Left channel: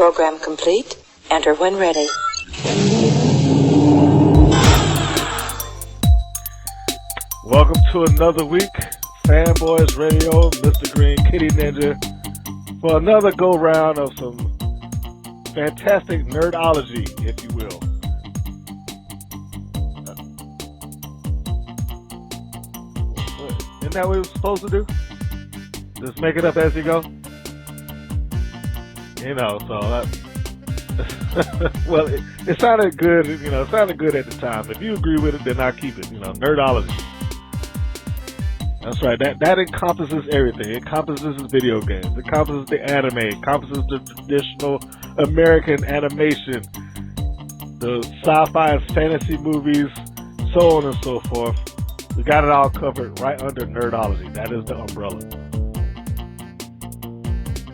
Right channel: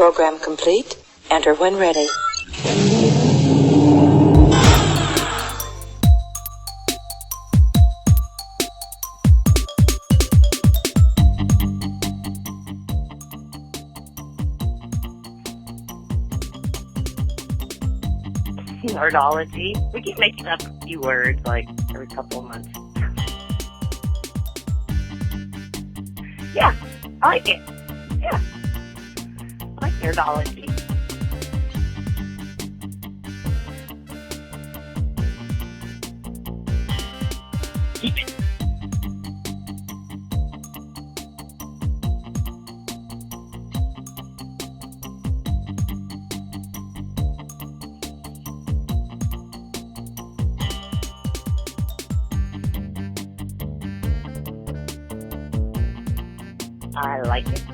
Program complete. Enter when ready. Welcome to another week, Fanboys Radio, Mr. Green, Kitti Ninja, for another go-round of some fantastic nerdology, if you will. Nerdology? We keep making up a few words, like, every couple of months. Isn't that what we're supposed to do? Just make it up as you go? I like it. Yeah. You know, so... nerdology. Well, it sounded good, you know, it sounded good at the time. If you agree with it, then I'll keep it, you know, nerdology. Keep it. That's right. That encompasses everything. It encompasses video games. It encompasses the anime. It encompasses the traditional American animation, the sci-fi and fantasy movies, so on and so forth. We got it all covered right under nerdology. That is the umbrella. I like it.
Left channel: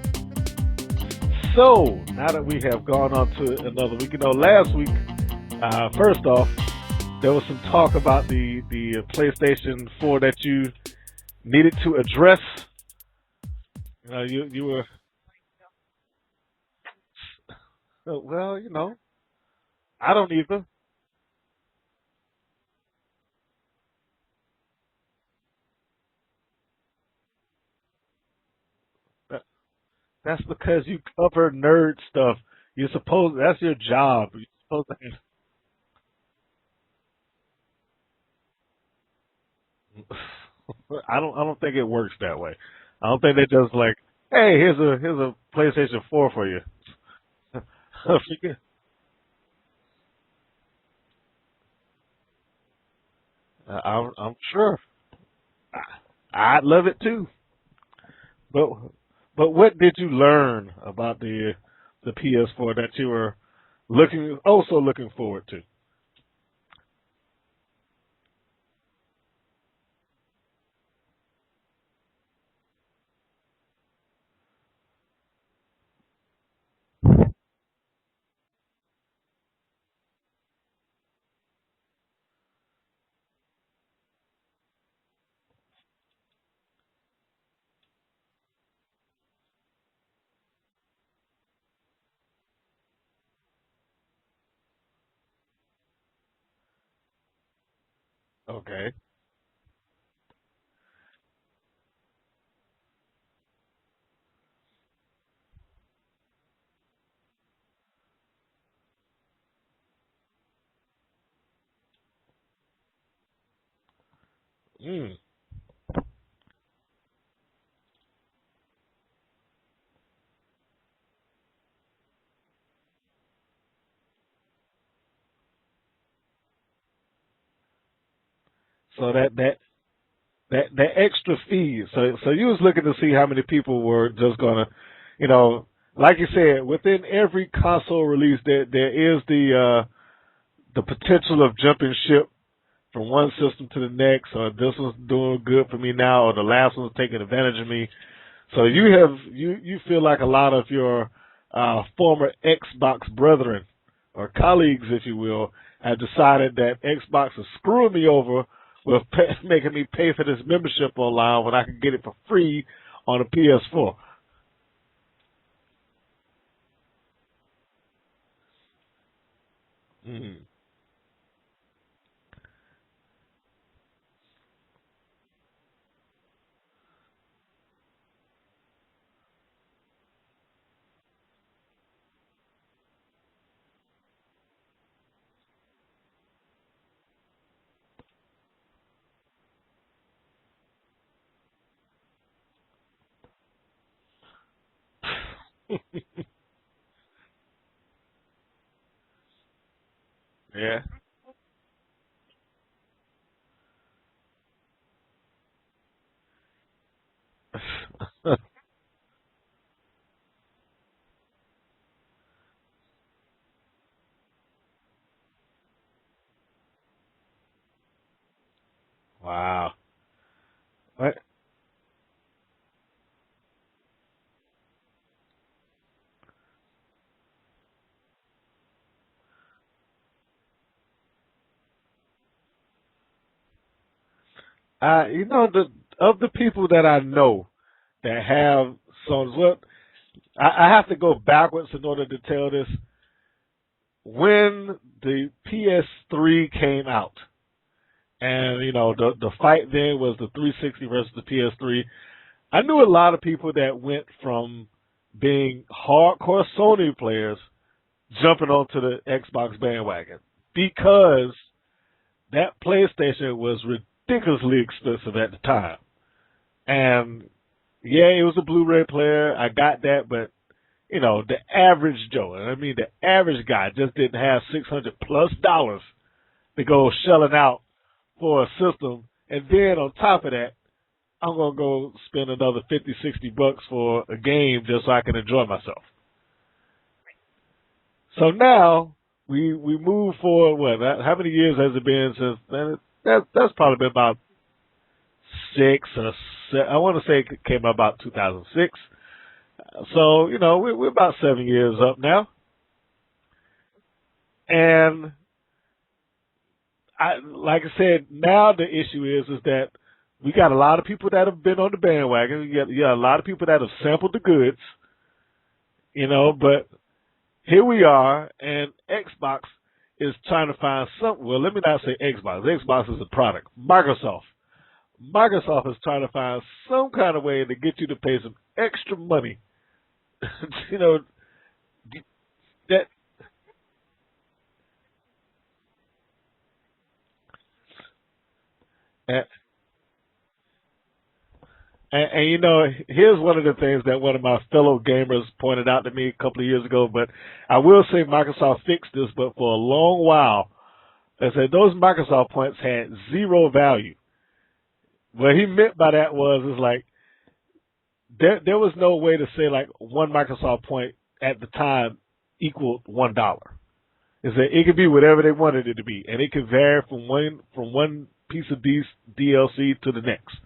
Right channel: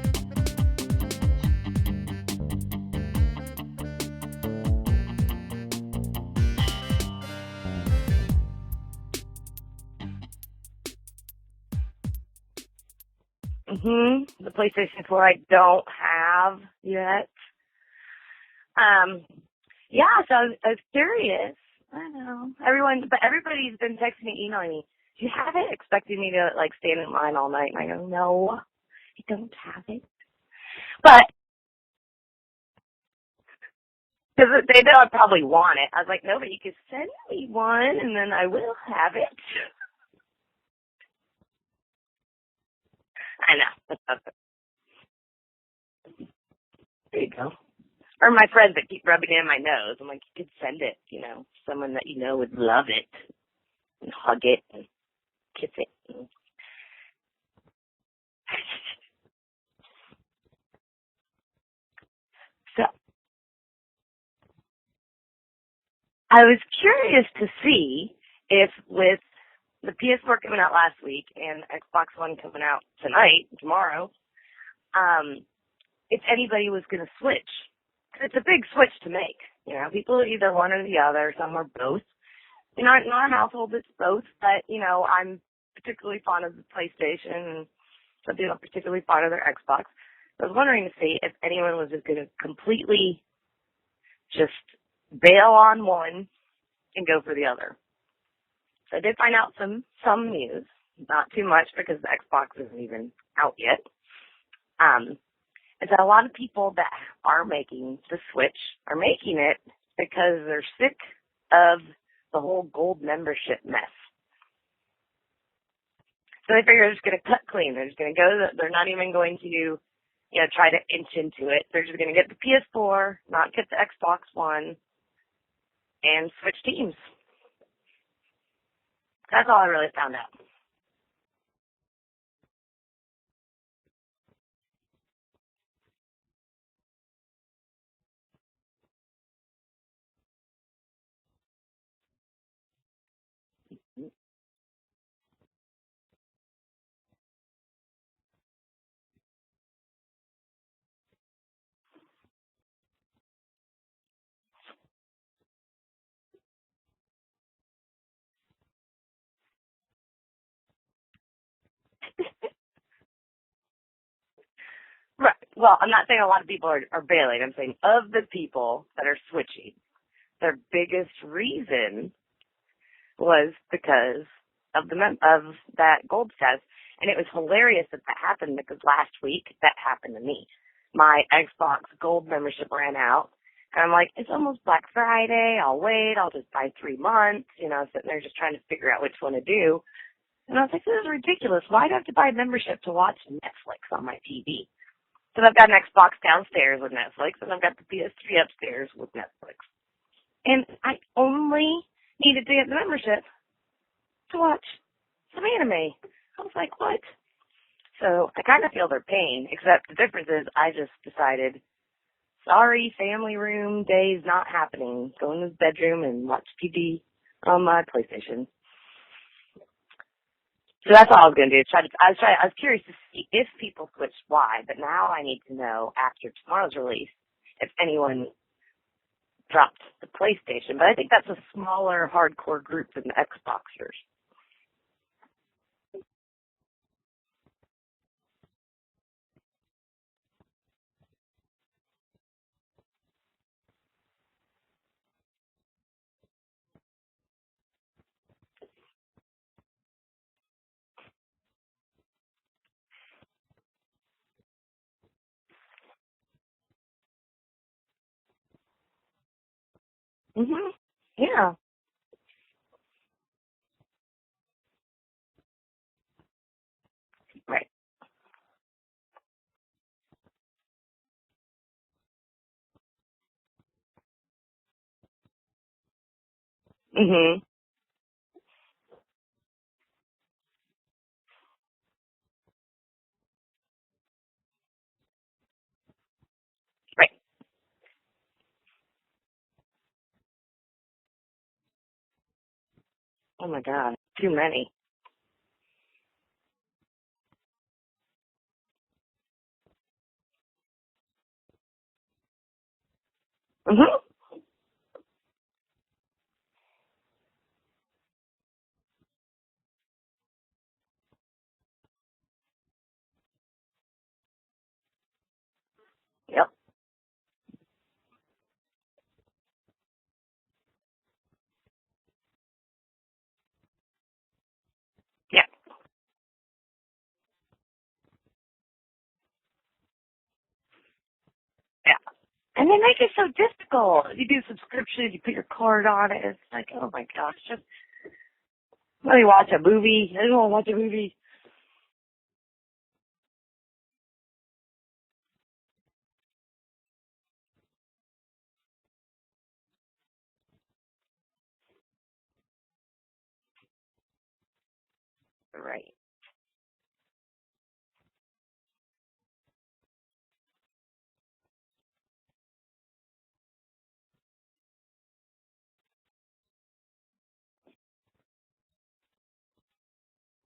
So, now that we have gone on to another week, you know, last week, first off, there was some talk about the PlayStation 4 that you needed to address. The PlayStation 4 I don't have yet. Well, you know. Yeah, I I was curious. I know. Everybody's been texting me, emailing me. Do you have it? Expecting me to, like, stand in line all night. And I go, no, I don't have it. That's because you cover nerd stuff. You're supposed, that's your job. Because they know I probably want it. I was like, no, but you can send me one, and then I will have it. I don't think it works that way. I don't think they just like, hey, here's a PlayStation 4 for you. There you go. Or my friends that keep rubbing it in my nose. I'm like, you could send it, you know, someone that you know would love it. I'm sure. I'd love it too. But what did you learn about the PS4 that you were also looking forward to? I was curious to see if with the PS4 coming out last week and Xbox One coming out tomorrow, if anybody was going to switch. It's a big switch to make. You know, people are either one or the other. Some are both. You know, in our household, it's both. But, you know, I'm particularly fond of the PlayStation, and some people are particularly fond of their Xbox. I was wondering to see if anyone was just going to completely just bail on one and go for the other. Okay. I did find out some news, not too much because the Xbox isn't even out yet. Is that a lot of people that are making the switch are making it because they're sick of the whole gold membership mess. So they figure they're just going to cut clean. They're just going to go. They're not even going to, you know, try to inch into it. They're just going to get the PS4, not get the Xbox One, and switch teams. So that's all I really found out. That extra fees. So you was looking to see how many people were just gonna, you know, like you said, within every console release, there is the potential of jumping ship from one system to the next, or this one's doing good for me now, or the last one's taking advantage of me. So you feel like a lot of your former Xbox brethren or colleagues, if you will, have decided that Xbox is screwing me over with making me pay for this membership online when I can get it for free on a PS4. Right. Well, I'm not saying a lot of people are bailing. I'm saying of the people that are switching, their biggest reason was because of that gold status. And it was hilarious that happened because last week that happened to me. My Xbox Gold membership ran out. And I'm like, it's almost Black Friday. I'll wait. I'll just buy 3 months. You know, sitting there just trying to figure out which one to do. And I was like, this is ridiculous. Why do I have to buy a membership to watch Netflix on my TV? So I've got an Xbox downstairs with Netflix, and I've got the PS3 upstairs with Netflix. And I only needed to get the membership to watch some anime. I was like, what? So I kind of feel their pain, except the difference is I just decided, sorry, family room day's not happening. Go in the bedroom and watch TV on my PlayStation. Wow. So that's all I was going to do. I was curious to see if people switched why, but now I need to know after tomorrow's release if anyone dropped the PlayStation. But I think that's a smaller, hardcore group than the Xboxers. You know, of the people that I know that have Sony, well, I have to go backwards in order to tell this. When the PS3 came out, and the fight then was the 360 versus the PS3. I knew a lot of people that went from being hardcore Sony players jumping onto the Xbox bandwagon because that PlayStation was ridiculously expensive at the time. And yeah, it was a Blu-ray player. I got that, but the average Joe, and I mean the average guy, just didn't have $600+ to go shelling out for a system. And then on top of that, I'm going to go spend another $50-$60 for a game just so I can enjoy myself. Right. So now we move forward. What? How many years has it been since? That's probably been about too many. 6 or 7. I want to say it came out about 2006. So we're about 7 years up now. And like I said, now the issue is that we got a lot of people that have been on the bandwagon. You got a lot of people that have sampled the goods, but here we are, and Xbox is trying to find something. Well, let me not say Xbox. Xbox is a product. Microsoft is trying to find some kind of way to get you to pay some extra money. And they make it so difficult. You do subscriptions, you put your card on it. It's like, oh my gosh, just let me watch a movie. I don't want to watch a movie. And here's one of the things that one of my fellow gamers pointed out to me a couple of years ago, but I will say Microsoft fixed this, but for a long while, they said those Microsoft points had zero value. What he meant by that is like, there was no way to say like one Microsoft point at the time equaled $1. Is that it could be whatever they wanted it to be, and it could vary from one piece of DLC to the next.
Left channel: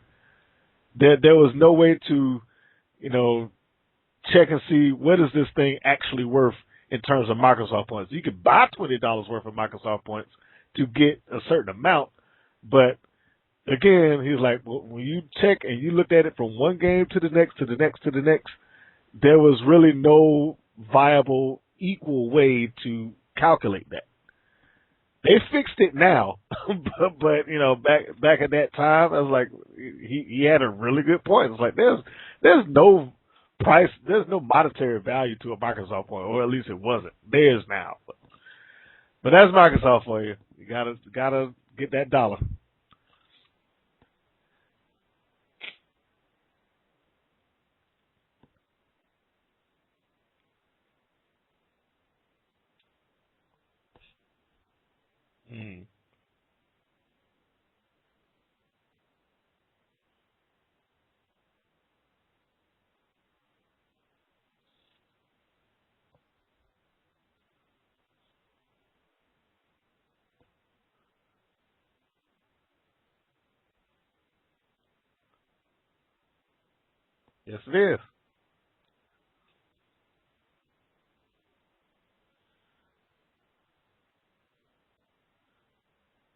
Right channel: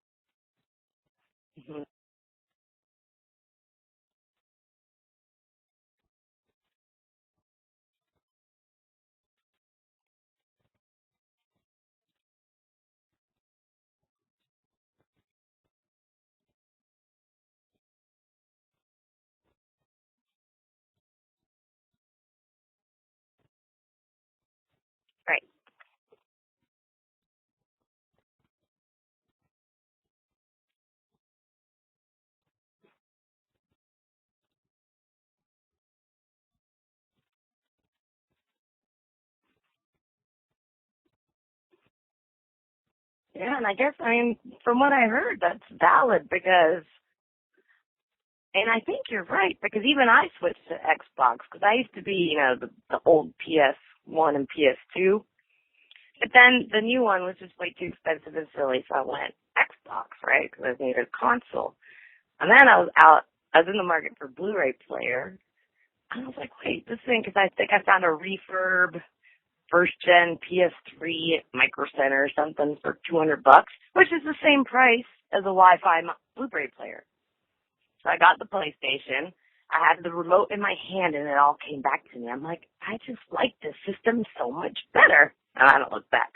There was no way to, check and see what is this thing actually worth in terms of Microsoft points. You could buy $20 worth of Microsoft points to get a certain amount, but again, he's like, well, when you check and you looked at it from one game to the next, to the next, to the next, there was really no viable, equal way to calculate that. They fixed it now, but back at that time, I was like, he had a really good point. It's like there's no price, there's no monetary value to a Microsoft point, or at least it wasn't. There's now, but that's Microsoft for you. You gotta get that dollar. Yeah, and I guess, from what I heard, that's valid because, and I think you're right, because even I switched to Xbox, because I used to be, the old PS1 and PS2, but then the new one was just way too expensive and silly, so I went Xbox, right, because I needed a console. And then I was in the market for Blu-ray player, and I was like, wait, this thing, because I think I found a refurb first-gen PS3 at Micro Center or something for $200, which is the same price as a Wi-Fi Blu-ray player. Yes, it is. So I got the PlayStation. I had the remote in my hand, and it all came back to me. I'm like, I just like this system so much better. And I don't look back.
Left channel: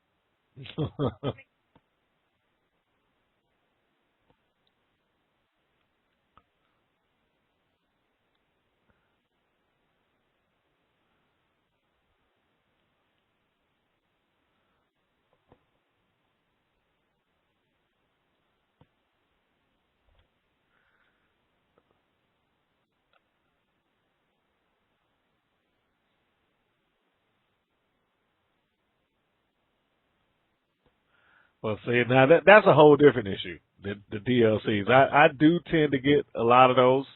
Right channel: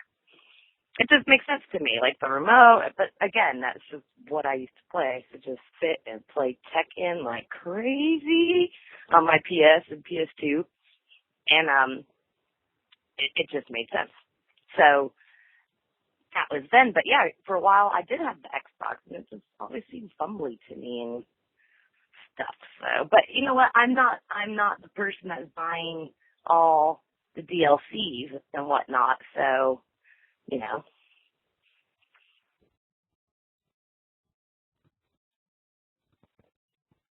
It just makes sense to me, like the remote. But again, that's just what I used to play. To just sit and play Tekken like crazy on my PS and PS2. And it just made sense. So that was then. But yeah, for a while I did have the Xbox, and it just always seemed fumbly to me and stuff. So, but you know what? I'm not the person that's buying all the DLCs and whatnot. So, Well, see, now that's a whole different issue. The DLCs. I do tend to get a lot of those,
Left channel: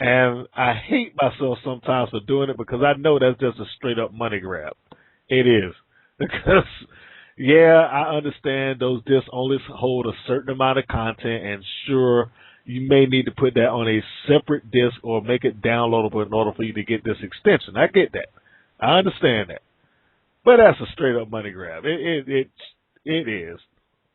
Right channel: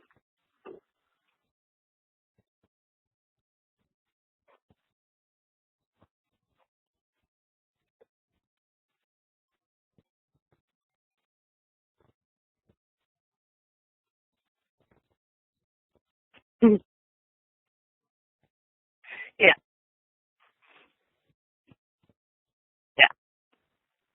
and I hate myself sometimes for doing it because I know that's just a straight up money grab. It is. Because, yeah, I understand those discs only hold a certain amount of content, and sure, you may need to put that on a separate disc or make it downloadable in order for you to get this extension. I get that. I understand that. But that's a straight up money grab. It is.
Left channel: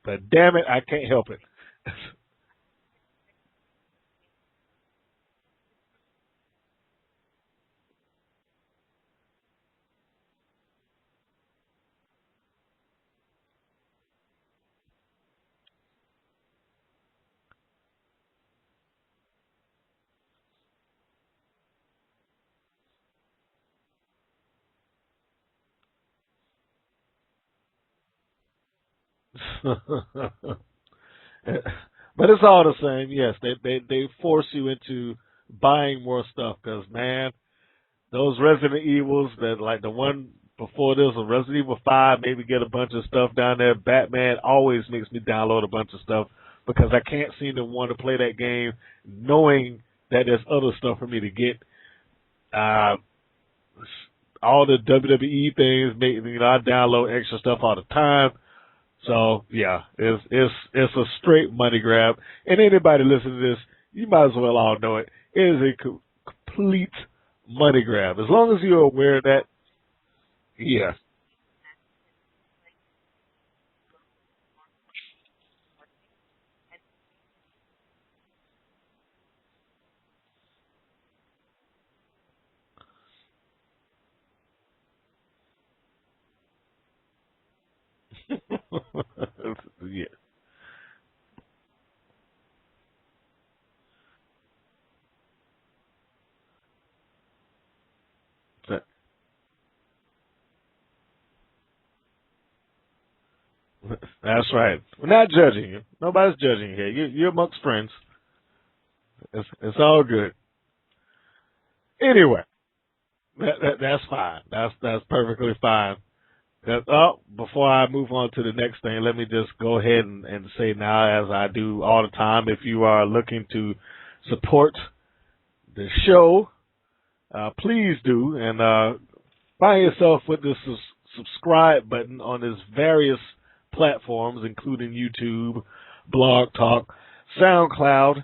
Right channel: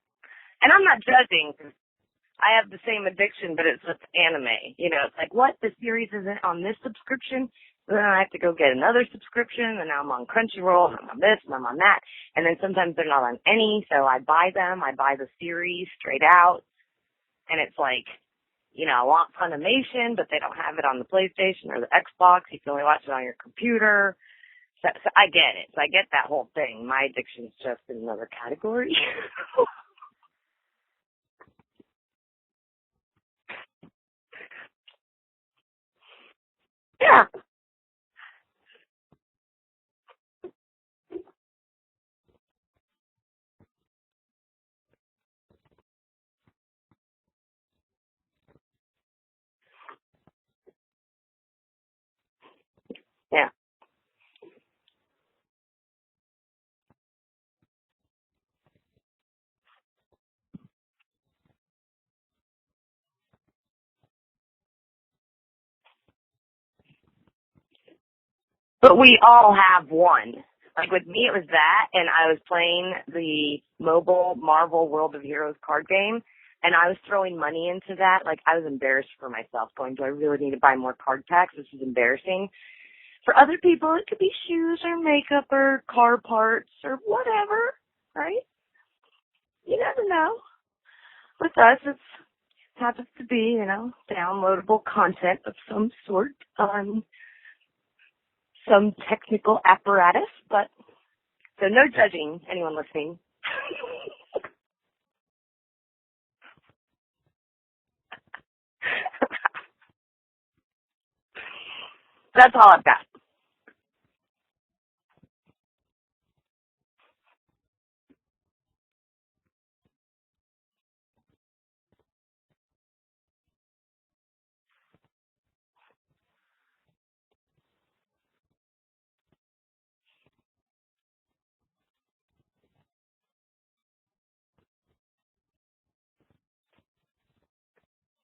But damn it, and I'm not judging. Help it. I have the same addiction, but it's with anime. It's like, what? The series isn't on this subscription? Then I have to go get another subscription, and now I'm on Crunchyroll, and I'm on this, and I'm on that. And then sometimes they're not on any, so I buy them. I buy the series straight out. And it's like, I want Funimation, but they don't have it on the PlayStation or the Xbox. You can only watch it on your computer. So I get it. So I get that whole thing. My addiction's just in another category. But it's all the same. Yes, they force you into buying more stuff because, man, those Resident Evils, that like the one before this was Resident Evil 5, maybe get a bunch of stuff down there. Batman always makes me download a bunch of stuff because I can't seem to want to play that game knowing that there's other stuff for me to get. All the WWE things, I download extra stuff all the time. So yeah, it's a straight money grab. And anybody listening to this, you might as well all know it. It is a complete money grab. As long as you're But aware we that, all have one. Yeah. Like with me, it was that, and I was playing the mobile Marvel World of Heroes card game, and I was throwing money into that. Like, I was embarrassed for myself, going, do I really need to buy more card packs? This is embarrassing. For other people, it could be shoes or makeup or car parts or whatever, right? You never know. With us, it happens to be, downloadable content of some sort on some technical apparatus, but so no judging anyone listening. That's right. We're not judging you. Nobody's judging you here. You're amongst friends. It's all good. Anyway, That's all I've got. That's fine. That's perfectly fine. Before I move on to the next thing, let me just go ahead and say now, as I do all the time, if you are looking to support the show, please do, and find yourself with the subscribe button on its various platforms, including YouTube, Blog Talk, SoundCloud.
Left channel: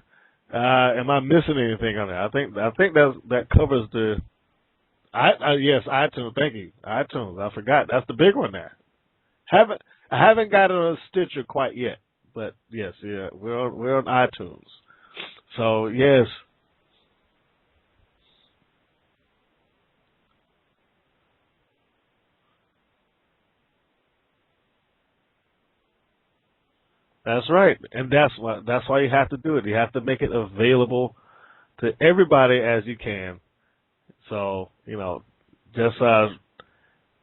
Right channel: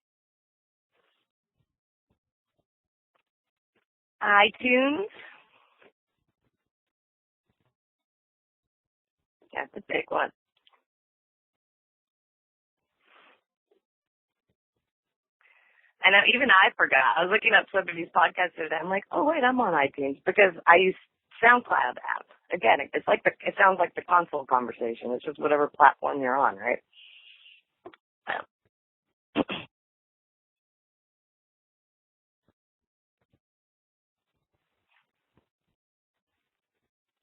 Am I missing anything on there? I think that covers the iTunes. Yes, iTunes. Thank you, iTunes. I forgot. That's the big one there. I haven't got it on Stitcher quite yet, but yes, we're on iTunes. So yes. And even I forgot. I was looking up some of these podcasts today. I'm like, oh wait, I'm on iTunes because I use SoundCloud app. Again, it sounds like the console conversation. It's just whatever platform you're on, right? That's right, and that's why you have to do it. You have to make it available to everybody as you can. So just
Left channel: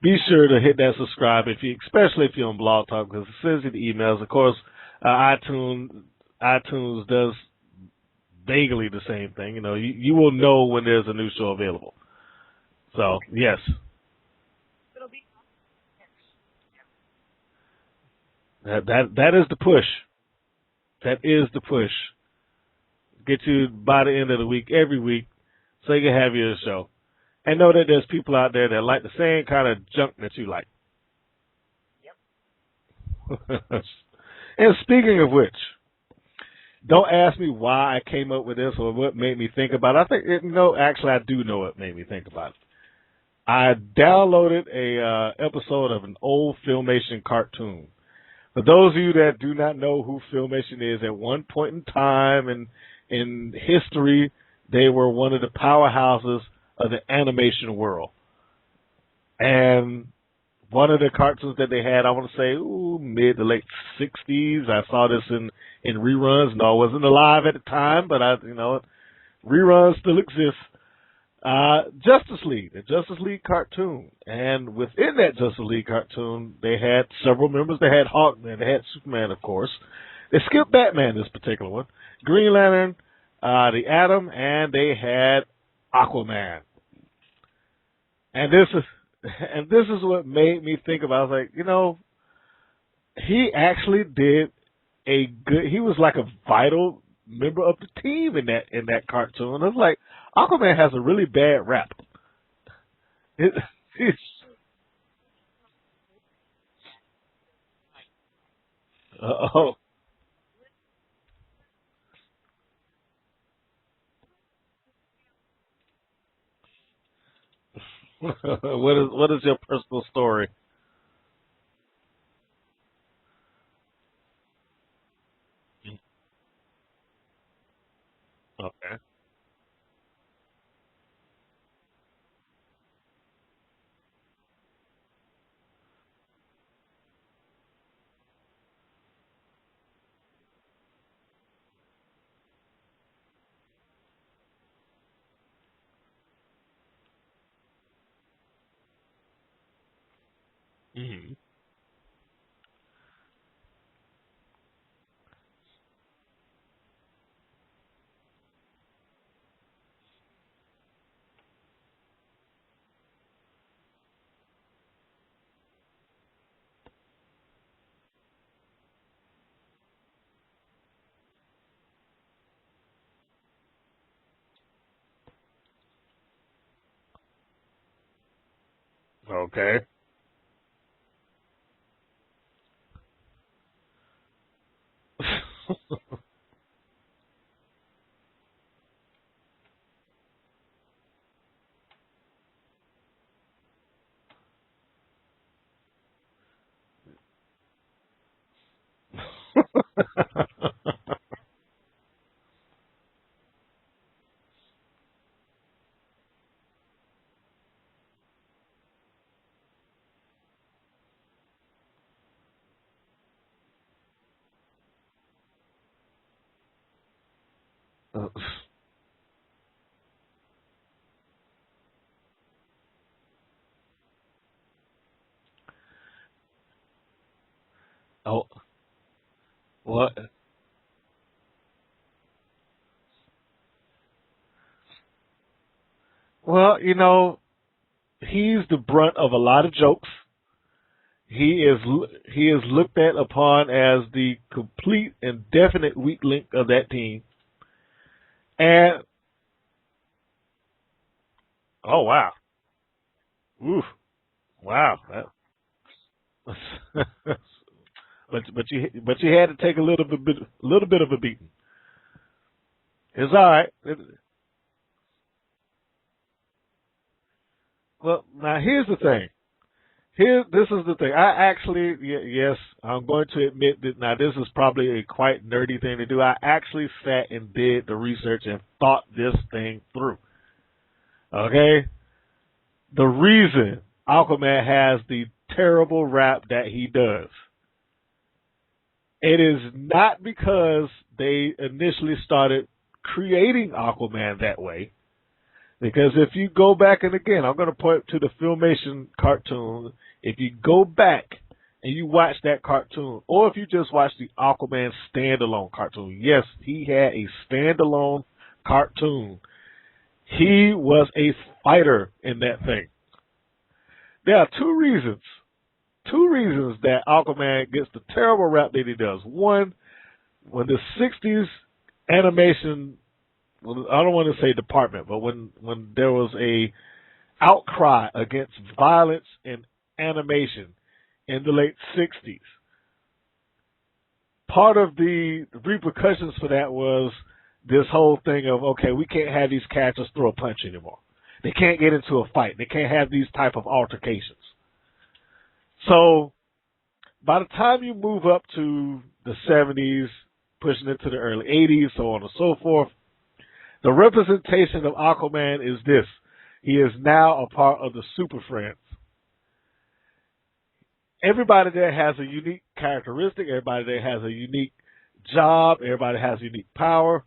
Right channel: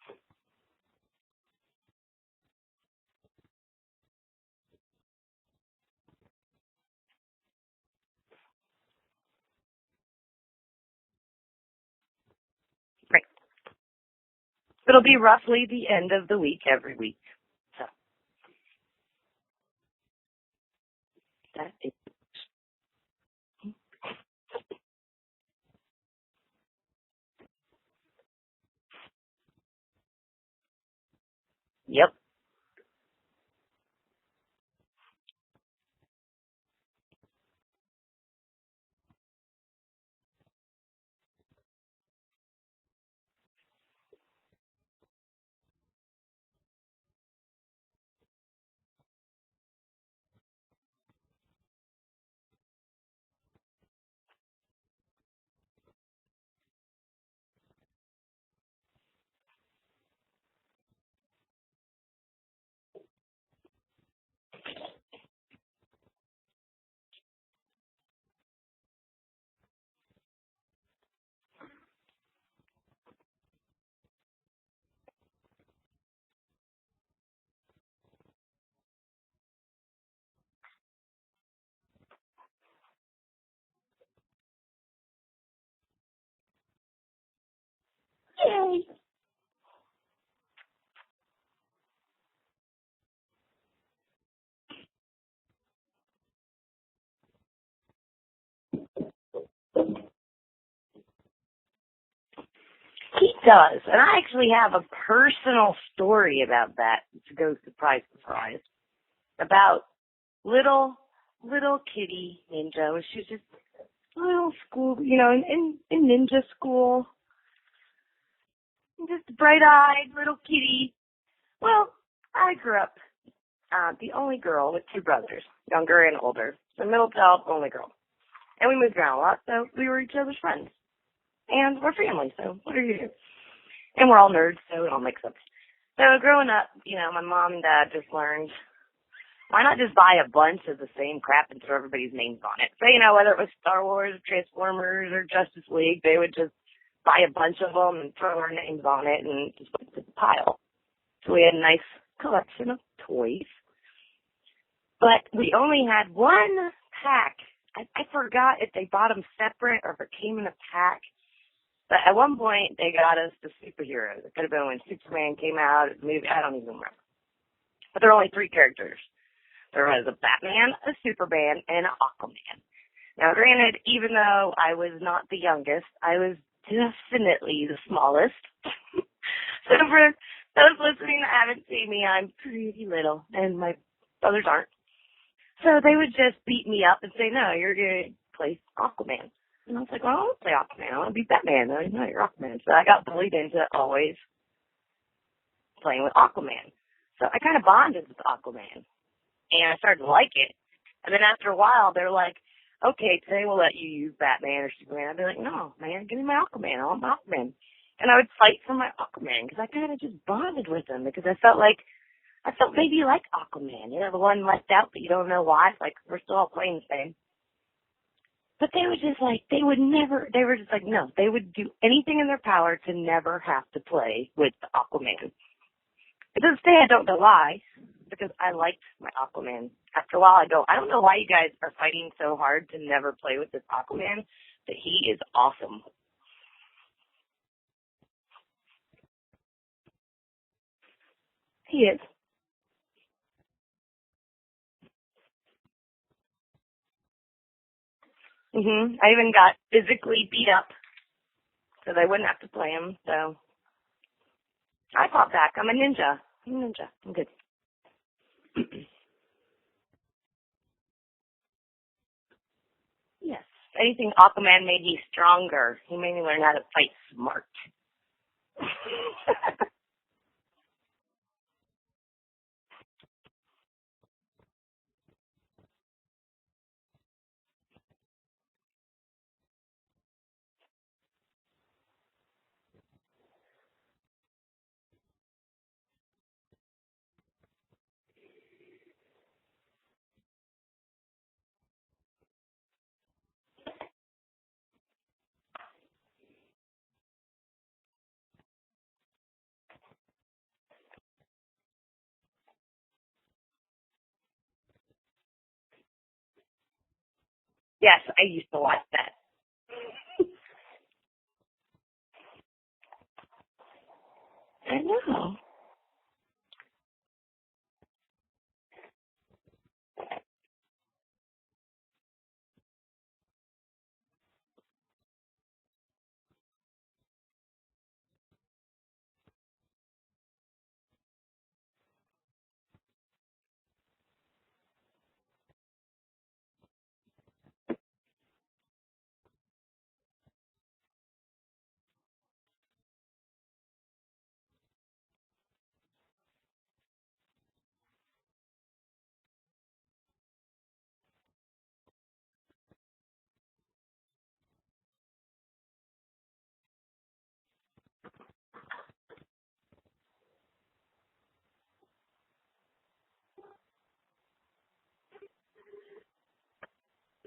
be sure to hit that subscribe especially if you're on Blog Talk, because it sends you the emails. Of course, iTunes does vaguely the same thing. You will know when there's a new show available. So yes, it'll be roughly the end of the week every week. That is the push. That is the push. Get you by the end of the week, every week, so you can have your show. And know that there's people out there that like the same kind of junk that you like. Yep. And speaking of which, don't ask me why I came up with this or what made me think about it. I think, actually I do know what made me think about it. I downloaded a episode of an old Filmation cartoon. For those of you that do not know who Filmation is, at one point in time in history, they were one of the powerhouses of the animation world. And one of the cartoons that they had, I want to say, mid to late 60s. I saw this in reruns. No, I wasn't alive at the time, but reruns still exist. Justice League, the Justice League cartoon. And within that Justice League cartoon, they had several members. They had Hawkman, they had Superman, of course. They skipped Batman, this particular one. Green Lantern, the Atom, and they had Aquaman. And this is what made me think about. I was like, he actually did he was like a vital member of the team in that cartoon. I was like, Aquaman has a really bad rap. He does. And I actually have a personal story about that to go surprise. About little Kitti Ninja. She was just little school, in ninja school. What is your bright-eyed personal story? Little Kitti. Well, I grew up the only girl with two brothers, younger and older. The middle child, only girl. And we moved around a lot, so we were each other's friends. And we're family, so what do you do? And we're all nerds, so it all makes sense. So growing up, my mom and dad just learned why not just buy a bunch of the same crap and throw everybody's names on it? So, whether it was Star Wars, Transformers, or Justice League, they would just buy a bunch of them and throw our names on it and just put it in the pile. Mm-hmm. So we had a nice collection of toys. But we only had one pack. I forgot if they bought them separate or if it came in a pack. But at one point, they got us the superheroes. It could have been when Superman came out. Maybe, I don't even remember. But there were only 3 characters. There was a Batman, a Superman, and an Aquaman. Now, granted, even though I was not the youngest, I was definitely the smallest. Okay. So for those listening that haven't seen me, I'm pretty little, and my brothers aren't. So they would just beat me up and say, no, you're going to play Aquaman. And I was like, well, I don't want to play Aquaman. I want to be Batman. No, you're Aquaman. So I got bullied into always playing with Aquaman. So I kind of bonded with Aquaman. And I started to like it. And then after a while, they're like, okay, today we'll let you use Batman or Superman. I'd be like, no, man, give me my Aquaman. I want my Aquaman. And I would fight for my Aquaman because I kind of just bonded with him because I felt maybe like Aquaman. The one left out, but you don't know why. It's like we're still all playing the same. But they were just like, they were just like, no, they would do anything in their power to never have to play with Aquaman. But to this day, I don't know why, because I liked my Aquaman. What? After a while, I don't know why you guys are fighting so hard to never play with this Aquaman, but he is awesome. Well, he's the brunt of a lot of jokes. He is looked at upon as the complete and definite weak link of that team. Mm-hmm. And I even got physically beat up. So I wouldn't have to play him. So. Oof! Wow. I fought back. I'm a ninja. I'm good. but you had to take a little bit of a beating. It's all right. Anything Aquaman made me stronger. He made me learn how to fight smart. Well, now here's the thing. This is the thing. I actually, yes, I'm going to admit that now this is probably a quite nerdy thing to do. I actually sat and did the research and thought this thing through. Okay? The reason Aquaman has the terrible rap that he does, it is not because they initially started creating Aquaman that way. Because if you go back, and again, I'm going to point to the Filmation cartoon. If you go back and you watch that cartoon, or if you just watch the Aquaman standalone cartoon, yes, he had a standalone cartoon. He was a fighter in that thing. There are two reasons that Aquaman gets the terrible rap that he does. One, when the 60s animation, I don't want to say department, but when there was a outcry against violence in animation in the late 60s, part of the repercussions for that was this whole thing of, okay, we can't have these characters throw a punch anymore. They can't get into a fight. They can't have these type of altercations. So by the time you move up to the 70s, pushing into the early 80s, so on and so forth, the representation of Aquaman is this. He is now a part of the SuperFriends. Everybody there has a unique characteristic. Everybody there has a unique job. Everybody has unique power.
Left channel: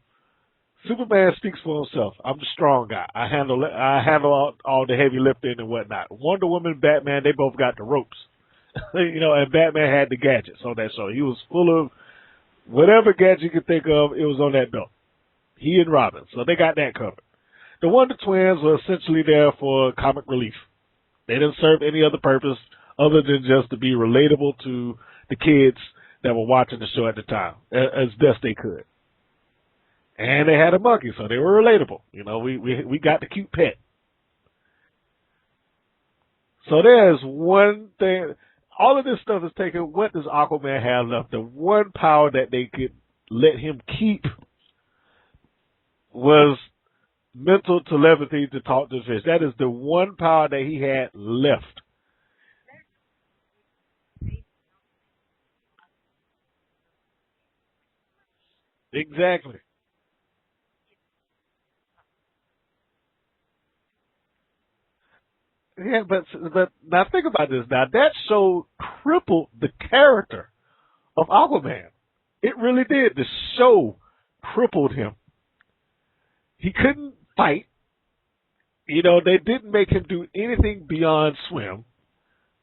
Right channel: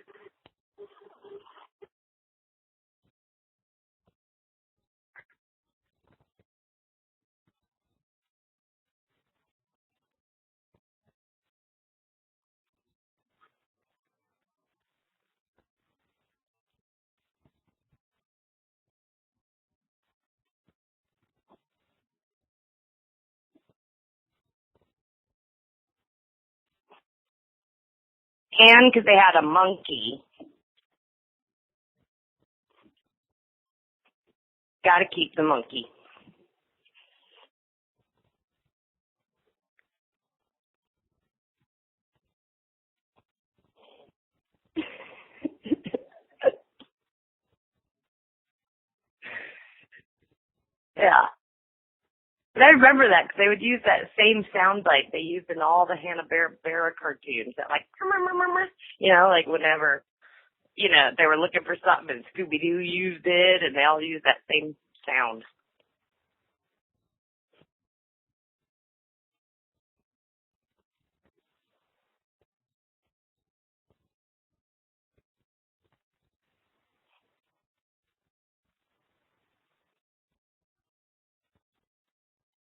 Superman speaks for himself. I'm the strong guy. I handle all the heavy lifting and whatnot. Wonder Woman, Batman, they both got the ropes. And Batman had the gadgets on that show. He was full of whatever gadget you could think of, it was on that belt. He and Robin. So they got that covered. The Wonder Twins were essentially there for comic relief. They didn't serve any other purpose other than just to be relatable to the kids that were watching the show at the time, as best they could. And because they had a monkey. And they had a monkey, so they were relatable. We got the cute pet. Got to keep the monkey. So there's one thing. All of this stuff is taken. What does Aquaman have left? The one power that they could let him keep was mental telepathy to talk to fish. That is the one power that he had left. And I remember that because they would use that same soundbite they used in all the Hanna-Barbera cartoons. That Exactly. like whenever, they were looking for something and Scooby-Doo used it and they all used that same sound. Yeah, but now think about this. Now that show crippled the character of Aquaman. It really did. The show crippled him. He couldn't fight. You know, they didn't make him do anything beyond swim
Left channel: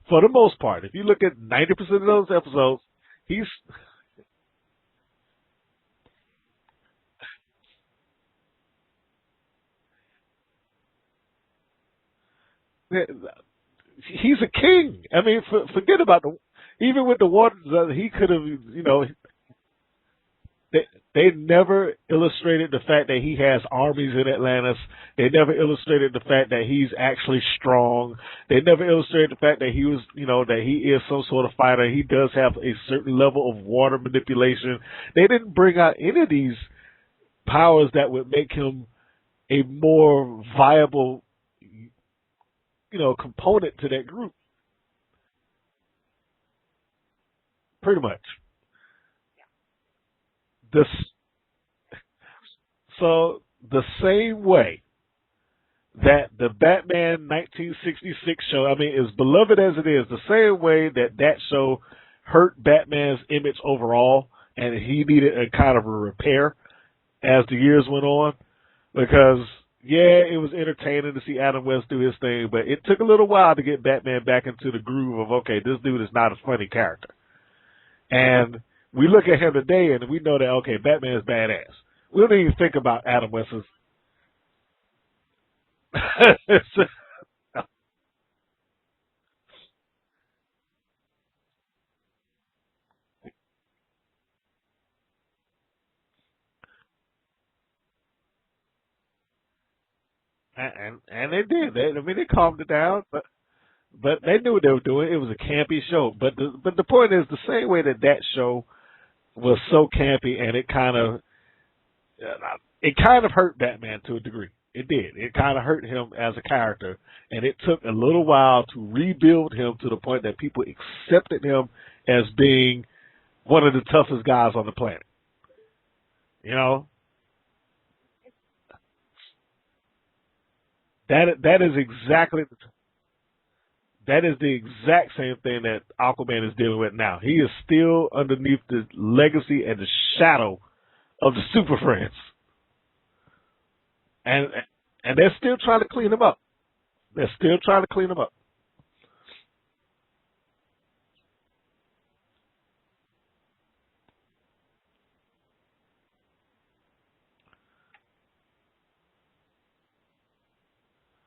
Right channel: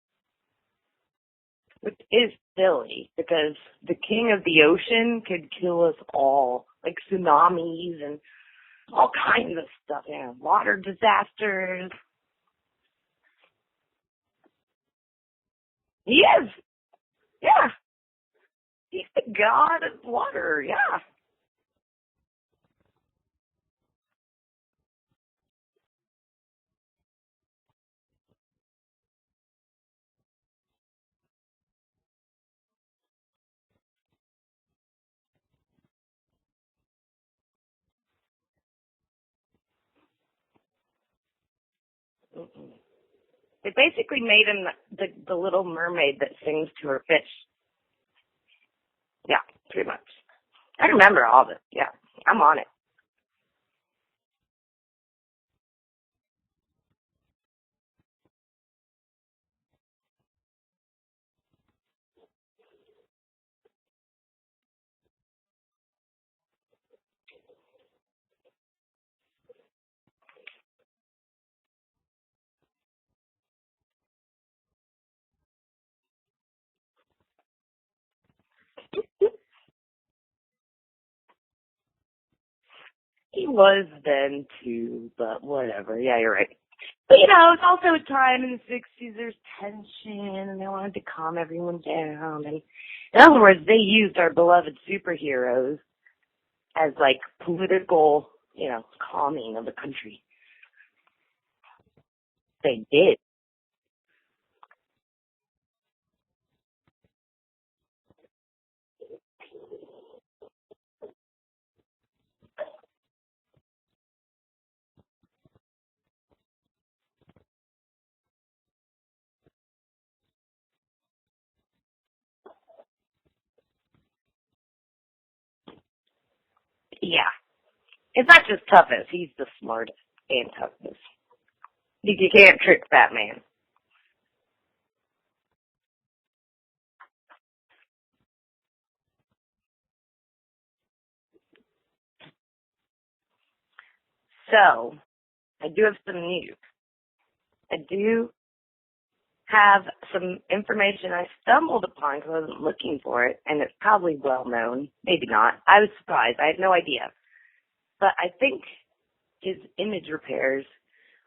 for the most part. If you look at 90% of those episodes. Silly because the king of the ocean could kill us all, like tsunamis and all kinds of stuff, water disasters. He's a king. I mean, forget about it. Even with the water, he could have, you know. He's the god of water, They never illustrated the fact that he has armies in Atlantis. They never illustrated the fact that he's actually strong. They never illustrated the fact that he was, you know, that he is some sort of fighter. He does have a certain level of water manipulation. They didn't bring out any of these powers that would make him a more viable, you know, component. It basically made him the little mermaid that sings to her fish. Pretty much. Yeah, pretty much. I remember all of it. Yeah, I'm on it. So the same way that the Batman 1966 show, I mean, as beloved as it is, the same way that show hurt Batman's image overall, and he needed a kind of a repair as the years went on, because it was entertaining to see Adam West do his thing, but it took a little while to get Batman back into the groove of, okay, this dude is not a funny character. And we look at him today and we know that, okay, Batman is badass. We don't even think about Adam West. He was then too, but whatever. Yeah, you're right. But, you know, it's also a time in the 60s, there's tension, and they wanted to calm everyone down. And in other words, they used our beloved superheroes as, like, political, you know, calming of the country. And they did. They calmed it down. Did. But they knew what they were doing. It was a campy show. But the point is, the same way that show was so campy, and it kind of hurt Batman to a degree. It did. It kind of hurt him as a character, and it took a little while to rebuild him to the point that people accepted him as being one of the toughest guys on the planet. You know? Yeah. It's not just toughest. He's the smartest and toughest. That is exactly. You can't trick Batman. That is the exact same thing that Aquaman is dealing with now. He is still underneath the legacy and the shadow of the SuperFriends. And they're still trying to clean him up. They're still trying to clean him up. Have some information I stumbled upon because I wasn't looking for it, and it's probably well known. Maybe not. I was surprised. I had no idea. But I think his image repairs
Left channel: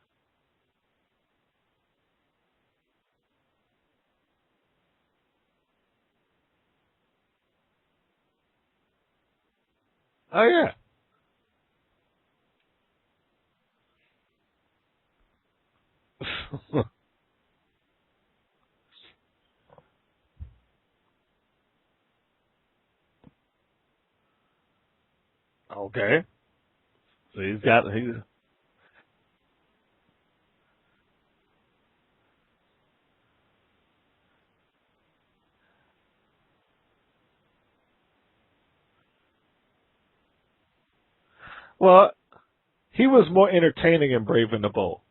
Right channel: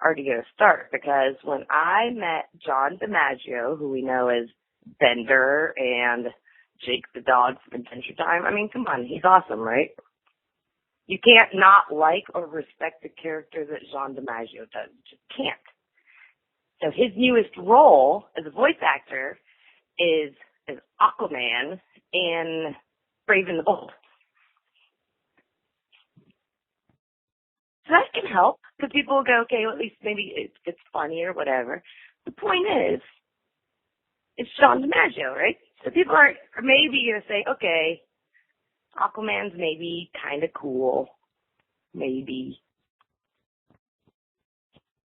are going to start, because when I met John DiMaggio, who we know as Bender and Jake the Dog from Adventure Time, I mean, come on, he's awesome, right? Oh, yeah. You can't not like or respect the character that John DiMaggio does. You just can't. So his newest role as a voice actor is as Aquaman in Brave and the Bold. Okay. So he's got. So that can help, because people will go, okay, well, at least maybe it's funny or whatever. The point is, it's John DiMaggio, right? So people are maybe going to say, okay, Aquaman's maybe kind of cool. Well, maybe. He was more entertaining in Brave and the Bold.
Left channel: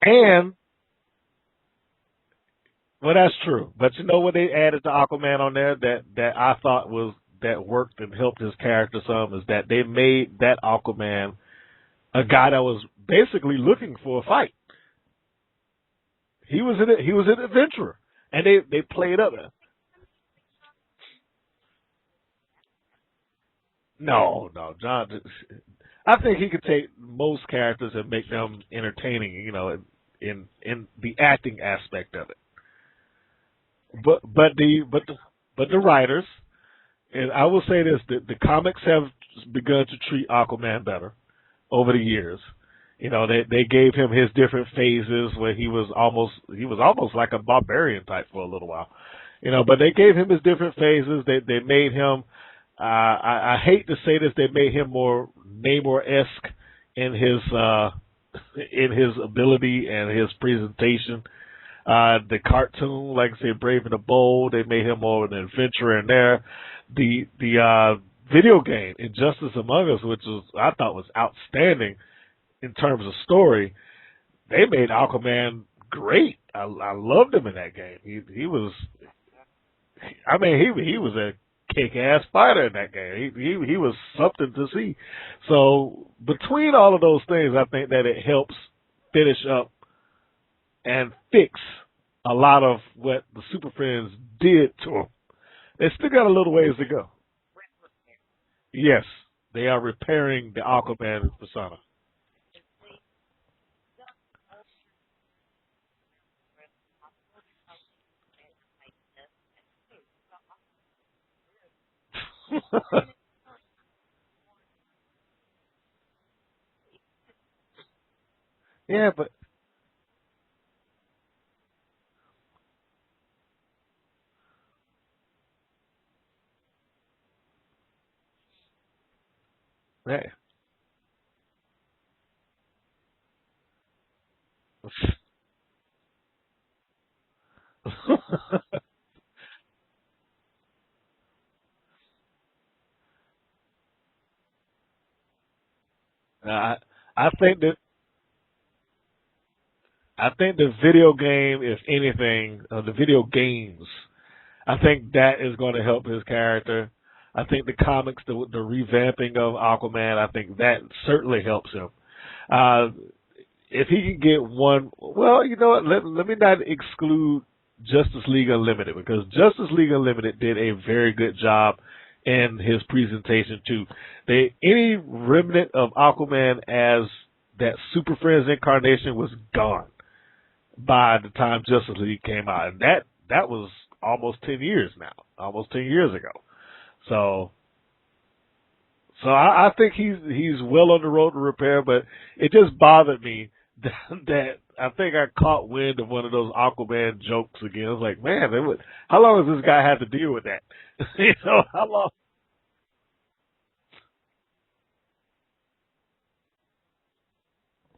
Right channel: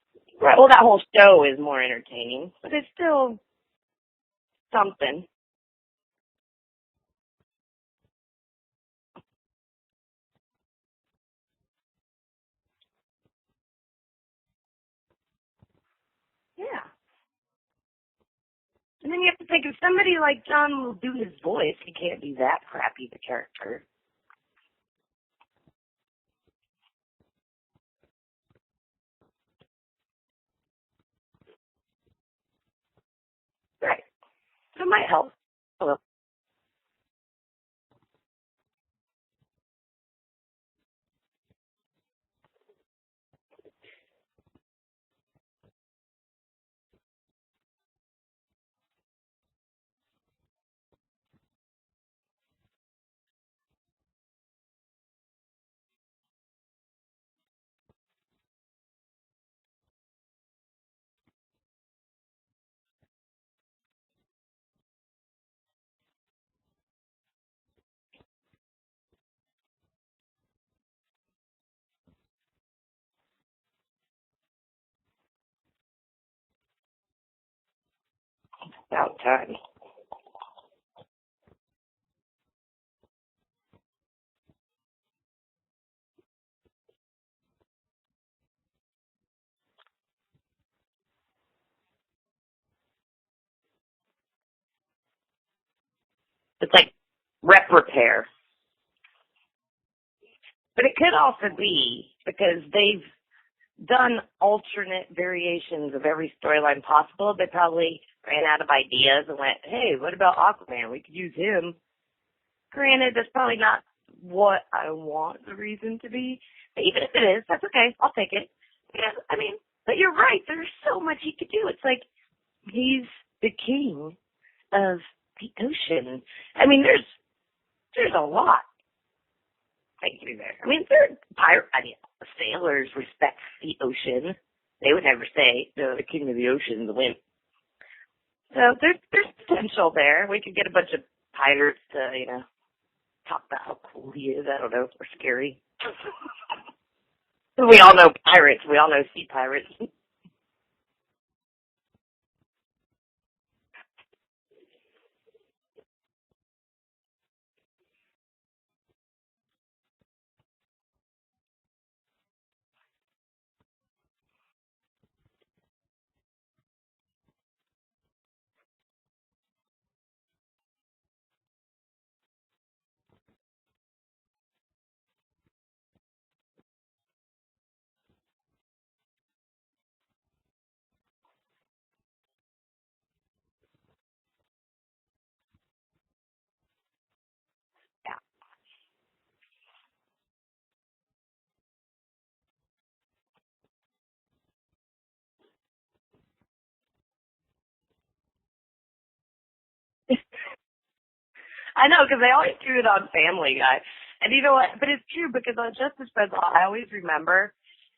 And right, well, that whole show is more entertaining, but it's still. Well, that's true. But you know what they added to Aquaman on there that I thought that worked and helped his character some, is that they made that Aquaman a guy that was basically looking for a fight. He was an adventurer, and they played up. You have to think, if somebody like John will do his voice, he can't be that crappy the character. No, John. I think he could take most characters and make them entertaining, you know, in the acting aspect of it. Right. But the writers, and I will say this, the comics have begun to treat Aquaman better over the years. You know, they gave him his different phases where he was almost like a barbarian type for a little while. You know, but they gave him his different phases. They made him I hate to say this, they made him more Namor-esque in his ability and his presentation. The cartoon, like I said, Brave and the Bold, they made him more of an adventurer in there. The video game, Injustice Among Us, which I thought was outstanding in terms of story, they made Aquaman great. I loved him in that game. He was about time. I mean, he was kick-ass fighter in that game. He was something to see. So between all of those things, I think that it helps finish up and fix a lot of what the Super Friends did to him. They still got a little ways to go. Rep repair. Yes, they are repairing the Aquaman. But it could also be because they've done alternate variations of every storyline possible. They probably ran out of ideas and went, hey, what about Aquaman? We could use him. Granted, that's probably not what I want the reason to be. But even if it is, that's okay. I'll take it. Yeah, but but you're right. There's so much he could do. It's like he's the king of the ocean. I mean, there's a lot they can do there. I mean, sailors respect the ocean. They would never say, no, the king of the ocean is a wimp. So there's potential there. We could get a bunch of pirates to, talk about how cool he is. I don't know, or scary. I think we all know pirates. We all know sea pirates. I think the video game, if anything, the video games, I think that is going to help his character. I think the comics, the revamping of Aquaman, I think that certainly helps him. If he can get one, well, you know what, let me not exclude Justice League Unlimited, because Justice League Unlimited did a very good job in his presentation too. Any remnant of Aquaman as that Super Friends incarnation was gone by the time Justice League came out, and that was almost 10 years now, almost 10 years ago. So I think he's well on the road to repair, but it just bothered me that I think I caught wind of one of those Aquaman jokes again. I was like, man, how long has this guy had to deal with that? I know, because they always do it on Family Guy. And you know what? But it's true, because on Justice Friends, I always remember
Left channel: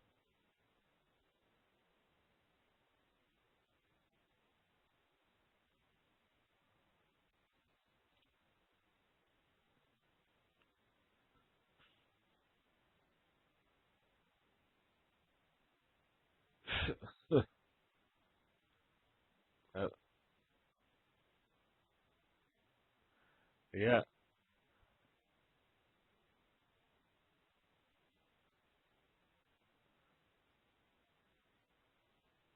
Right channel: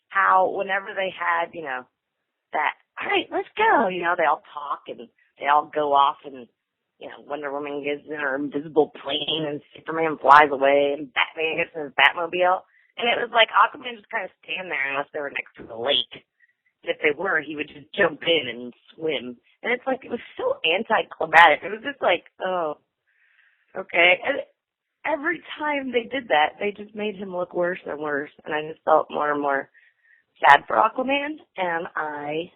how whenever they had, that, all right, let's go, they all talk and they all go off and, Wonder Woman gets in her invisible plane and Superman flies away and Batman gets in his Batmobile. And it was like Aquaman just kind of stand there unless they were next to the lake. If they were, he would just jump in and swim. And it's like, it was so anticlimactic. It was just like, oh, okay. Yeah. And every time they did that, they just made him look worse and worse. And I just felt more and more sad for Aquaman. And I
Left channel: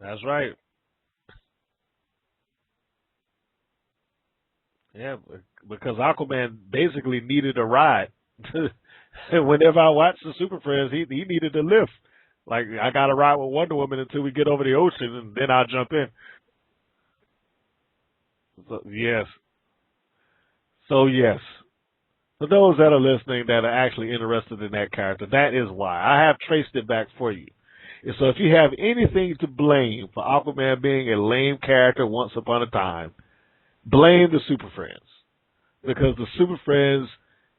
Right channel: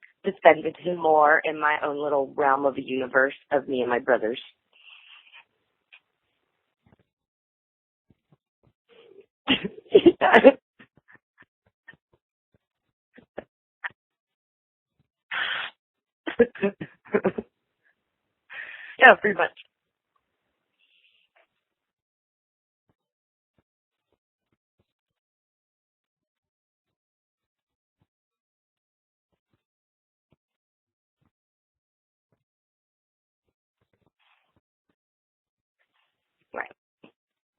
defended him more in my own little realm of a universe of me and my brothers. Yeah, because Aquaman basically needed a ride. Whenever I watch Super Friends, he needed a lift. Like, I got to ride with Wonder Woman until we get over the ocean, and then I'll jump in. Yeah, pretty much. So, yes. For those that are listening that are actually interested in that character, that is why. I have traced it back for you. And so if you have anything to blame for Aquaman being a lame character once upon a time, blame the Super Friends. Because the Super Friends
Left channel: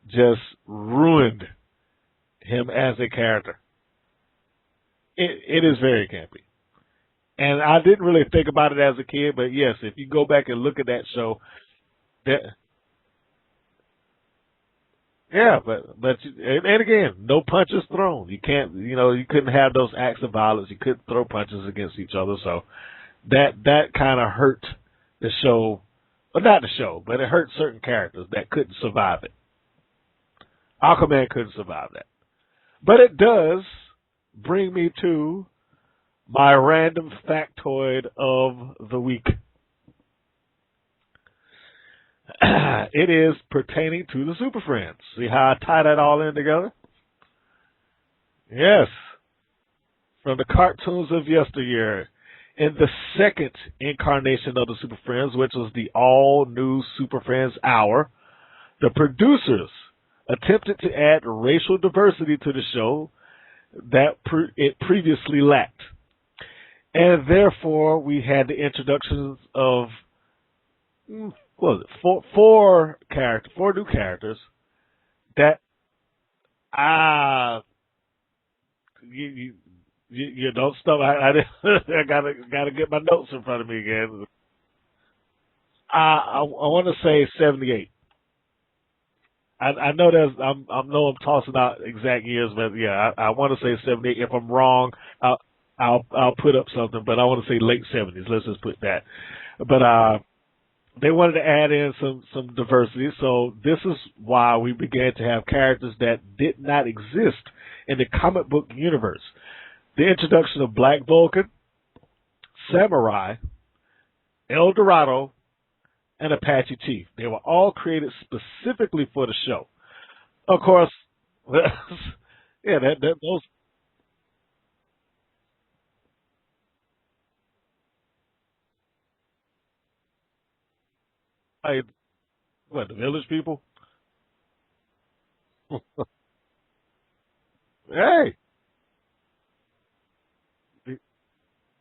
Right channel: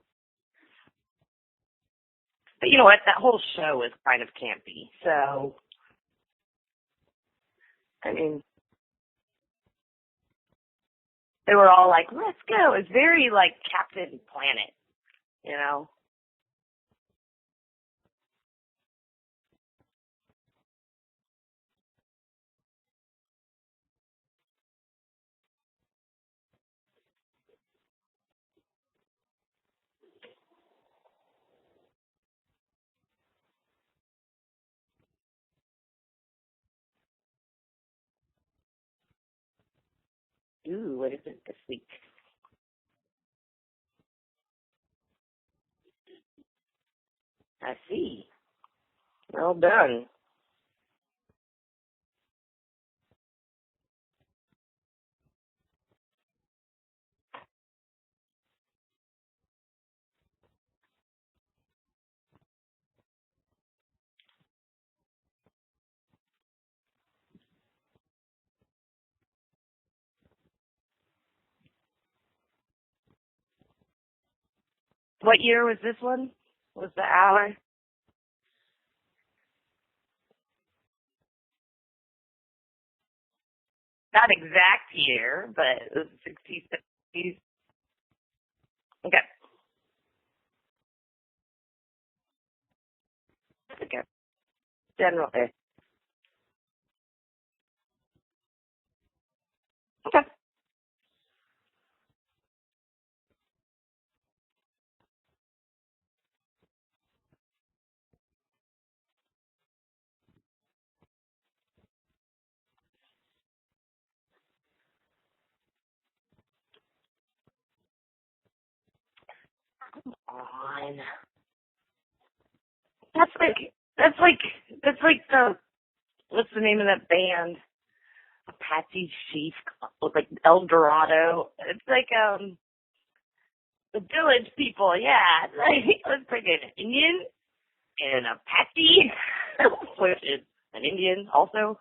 just ruined him as a character. That whole show is kind of campy. So it is very campy. And I didn't really think about it as a kid, but yes, if you go back and look at that show, they were all like, let's go. It's very like Captain Planet. Yeah, but and again, no punches thrown. You can't, you couldn't have those acts of violence. You couldn't throw punches against each other. So that kind of hurt the show. Well, not the show, but it hurt certain characters that couldn't survive it. Aquaman couldn't survive that. But it does bring me to my random factoid of the week. Ooh, what is it this week? It is pertaining to the Super Friends. See how I tie that all in together? I see. Yes. Well done. From the cartoons of yesteryear. In the second incarnation of the Super Friends, which was the all-new Super Friends Hour, the producers attempted to add racial diversity to the show that it previously lacked. And therefore, we had the introductions of four new characters. What year was this one? You don't stop. I gotta get my notes in front of me again. Not exact year, but I want to say 78. Okay. I know I'm tossing out exact years, but yeah, I want to say 78. If I'm wrong, I'll put up something, but I want to say late 70s. Let's just put that. But they wanted to add in some diversity. So this is why we began to have characters that did not exist in the comic book universe. The introduction of Black Vulcan, Samurai, El Dorado, and Apache Chief. They were all created specifically for the show. Of course, yeah, that's like the what's the name of that band? Apache Chief, like El Dorado. It's like what, the Village People? The Village People, yeah. Let's bring an Indian, hey. An Apache, which is an Indian also.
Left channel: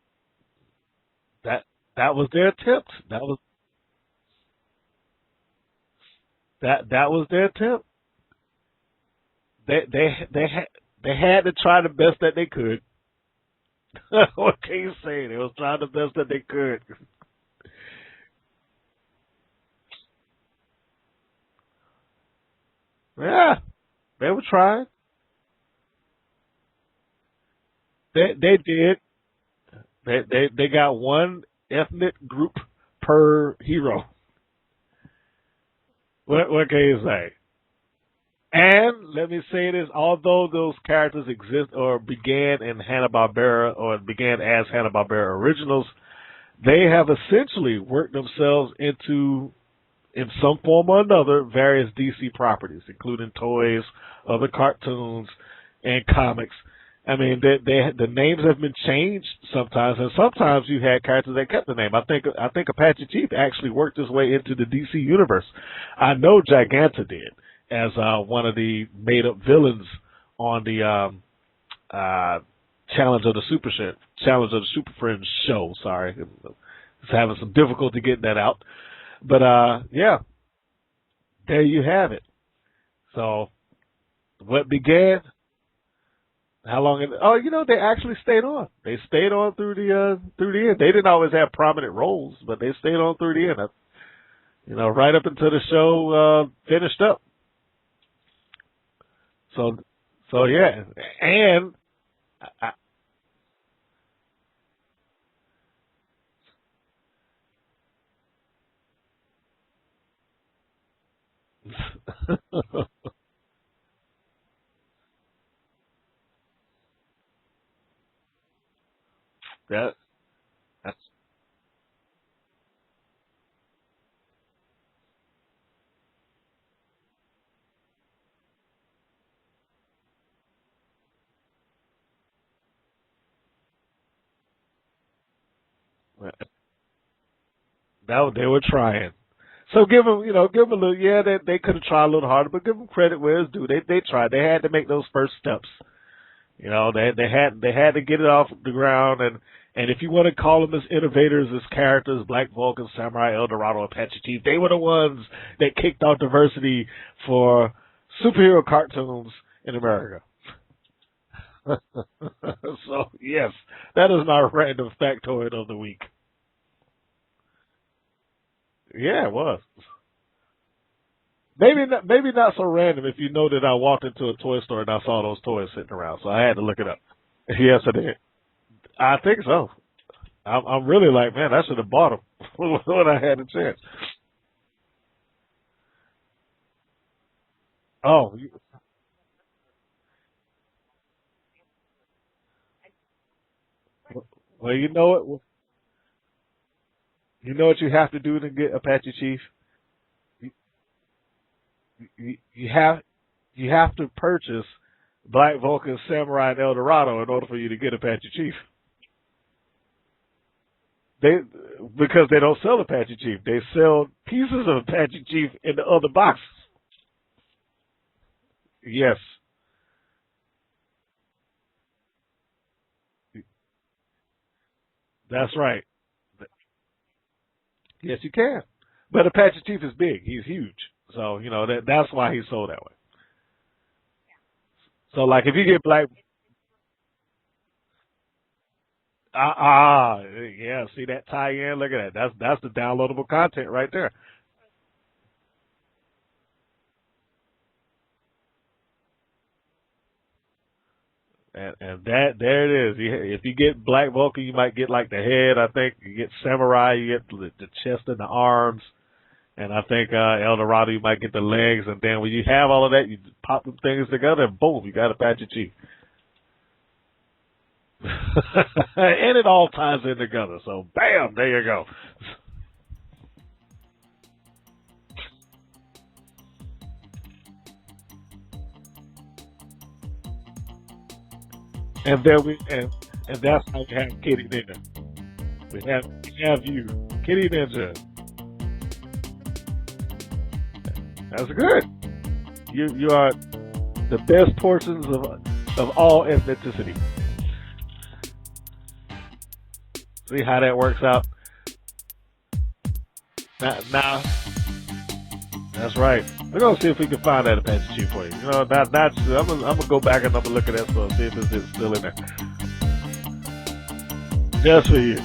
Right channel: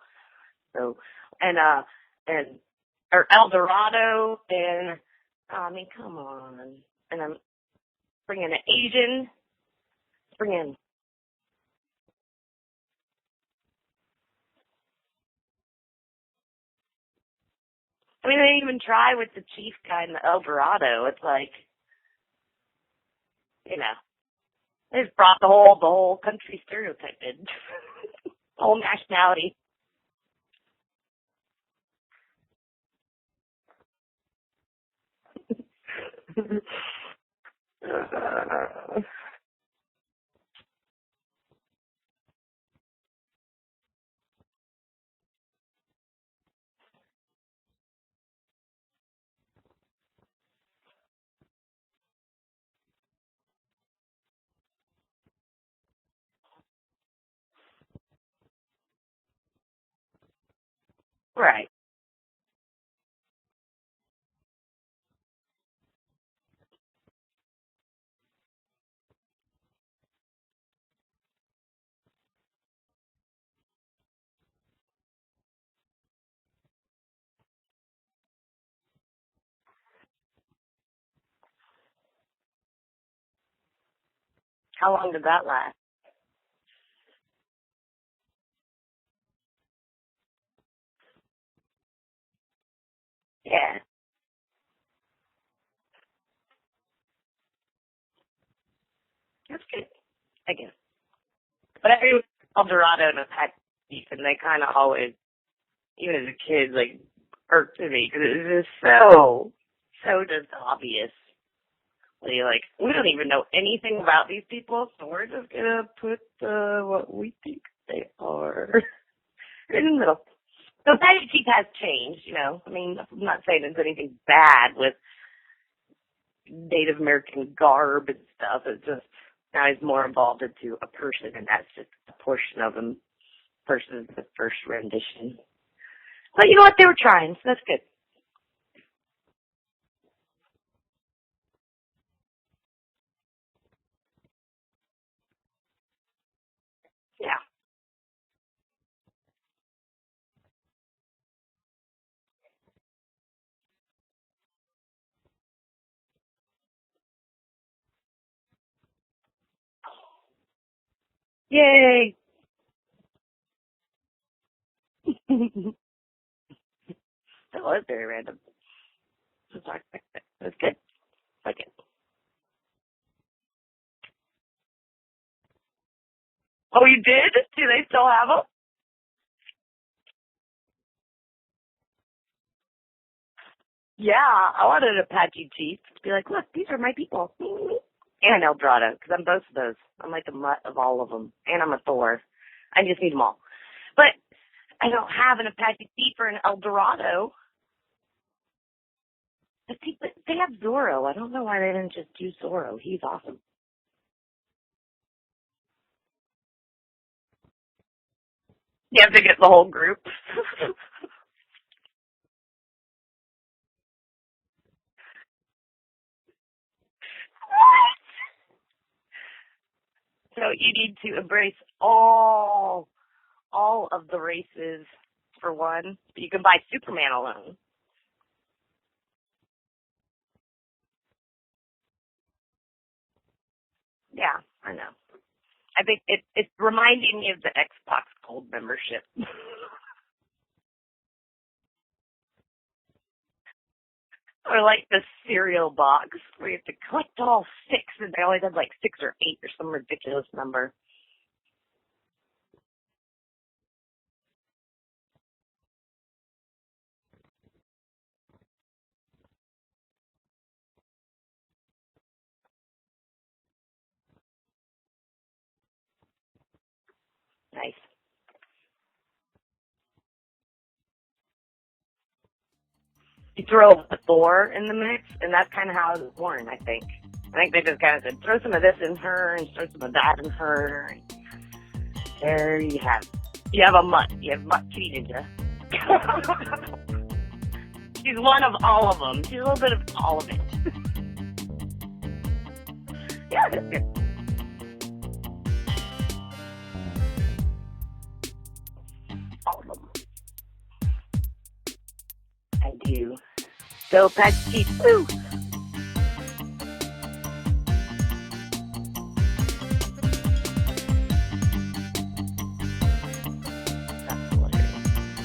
So and that was their attempt. Or El Dorado, and I mean, come on. That was their attempt. Bringing an Asian. They had to try the best that they could. What can you say? They was trying the best that they could. I mean, they didn't even try with the Chief guy in the El Dorado. It's like, yeah, they were trying. They just brought the whole country stereotype in. They whole did. Nationality. They got one ethnic group per hero. What can you say? And let me say this, although those characters exist or began in Hanna-Barbera or began as Hanna-Barbera originals, they have essentially worked themselves into, in some form or another, various DC properties, including toys, other cartoons, and comics. I mean, the names have been changed sometimes, and sometimes you had characters that kept the name. I think Apache Chief actually worked his way into the DC universe. I know Giganta did, as one of the made-up villains on the Challenge of the SuperFriends show. Sorry, I was having some difficulty getting that out, but yeah, there you have it. So, what began? How long did that last? How long? They actually stayed on. They stayed on through the end. They didn't always have prominent roles, but they stayed on through the end. Yeah. Right up until the show finished up. So yeah, and but everyone El Dorado and Apache, and they kind of always, even as a kid, like irked me because it was just so just obvious. You're like, we don't even know anything about these people, so we're just gonna put what we think they are in the middle. So Apache Chief has changed, I mean, I'm not saying there's anything bad with Native American garb and stuff. It's just now he's more involved into a person, and that's just a portion of him versus the first rendition. Right. But you know what? They were trying, so that's good. They were trying. So give them a little. Yeah, they could have tried a little harder, but give them credit where it's due. They tried. They had to make those first steps. They had to get it off the ground, and if you want to call them as innovators, as characters, Black Vulcan, Samurai, El Dorado, Apache Chief, they were the ones that kicked off diversity for superhero cartoons in America. Yay! So yes, that is my random factoid of the week. That was very random. Yeah, it was. That's good. Maybe not so random if you know that I walked into a toy store and I saw those toys sitting around, so I had to look. Oh, you did? Do they still have them? I think so. I'm really like, man, I should have bought them when I had a chance. Yeah, I wanted an Apache Chief to be like, look, these are my people. Oh. And El Dorado, because I'm both of those. I'm like a mutt of all of them, and I'm a Thor. I just need them all. But well, I don't have an Apache Chief or an El Dorado. You know what you have to do to get Apache Chief? They have Zorro. I don't know why they didn't just do Zorro. He's awesome. You have to purchase Black Vulcan, Samurai, and El Dorado in order for you to get Apache Chief. You have to get the whole group. Because they don't sell Apache Chief. They sell pieces of Apache Chief in the other boxes. What? Yes. So you need to embrace all of the races. That's right. One. You can buy Superman alone. Yes, you can. But Apache Chief is big. He's huge. So, that's why he's sold that way. Yeah, I know. So, like, if you get it's reminding me of the Xbox Gold membership. Yeah. See that tie-in? Look at that. That's the downloadable content right there. Or like the cereal box where you have to collect all 6, and they always have like 6 or 8 or some ridiculous number. And there it is. If you get Black Vulcan, you might get like the head. I think you get Samurai, you get the chest and the arms. And I think El Dorado, you might get the legs, and then when you have all of that, you pop them things together, and boom, you got Apache Chief. Nice. And it all ties in together. So, bam, there you go. You throw a Thor in the mix, and that's kind of how it was born, I think. I think they just kind of said, throw some of this in her, and throw some of that in her. And there you have a Kitti Ninja. Have you, Kitti Ninja. She's one of all of them. She's a little bit of all of it. That's good. You are the best portions of all ethnicity. All of them. See how that works out? I do. So Apache Chief, too. That's right. We're gonna see if we can find that Apache Chief for you. You know, I'm gonna go back and I'm gonna look at that stuff, see if it's still in there. Just for you.